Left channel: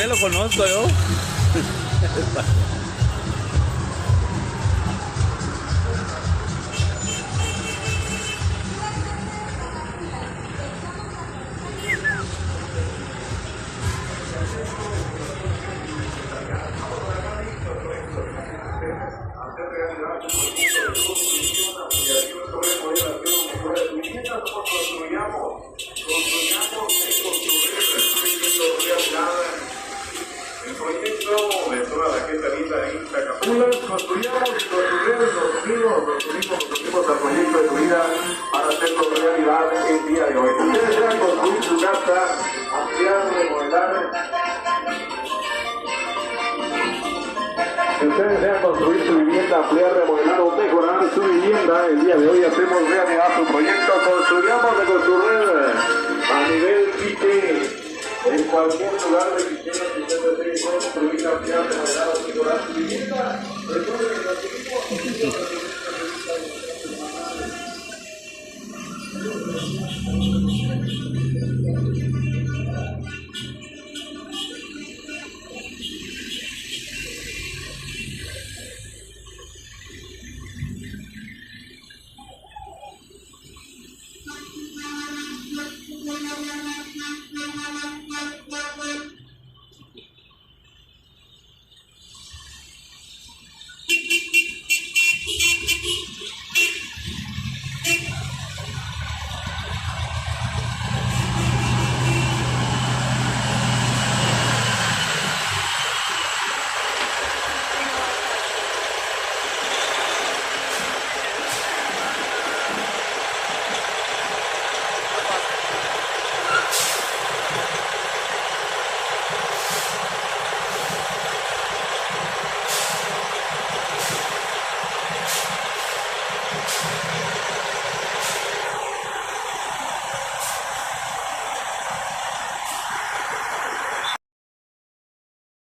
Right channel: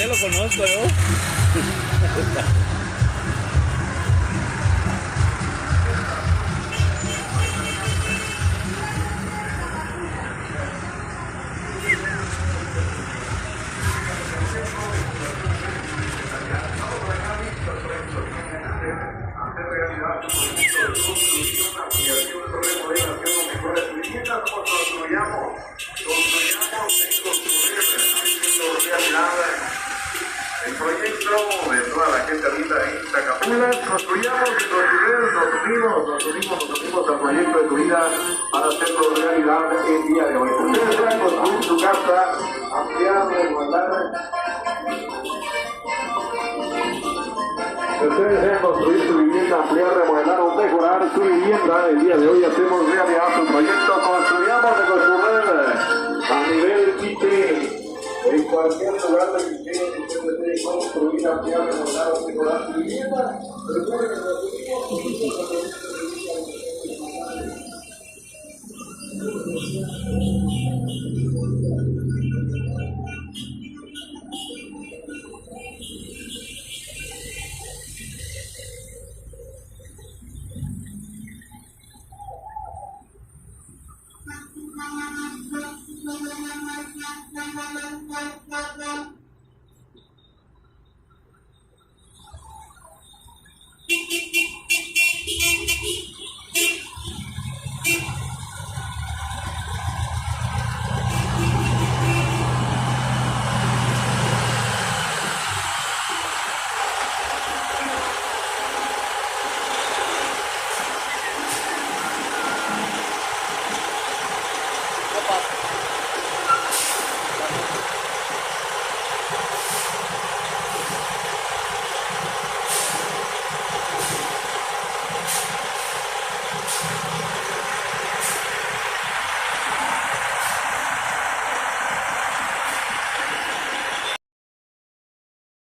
usted lo conozco yo. El proyecto de toda la gente linda de Iztacapulas, construyamos y construyamos, nos unimos al proyecto de tu vida para hacerlo realidad el día de hoy. Ustedes desean construir su casa, ampliar, remodelar. Ustedes desean construir su vivienda, ampliar, remodelar o mejorar su vivienda. El día de hoy hacemos realidad su proyecto. Construyamos de construir a nivel pique. En cualquier lugar de Cristiano, si usted desea construir, ampliar, remodelar o mejorar su vivienda, recuerde que